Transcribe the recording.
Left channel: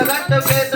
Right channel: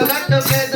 Select the best.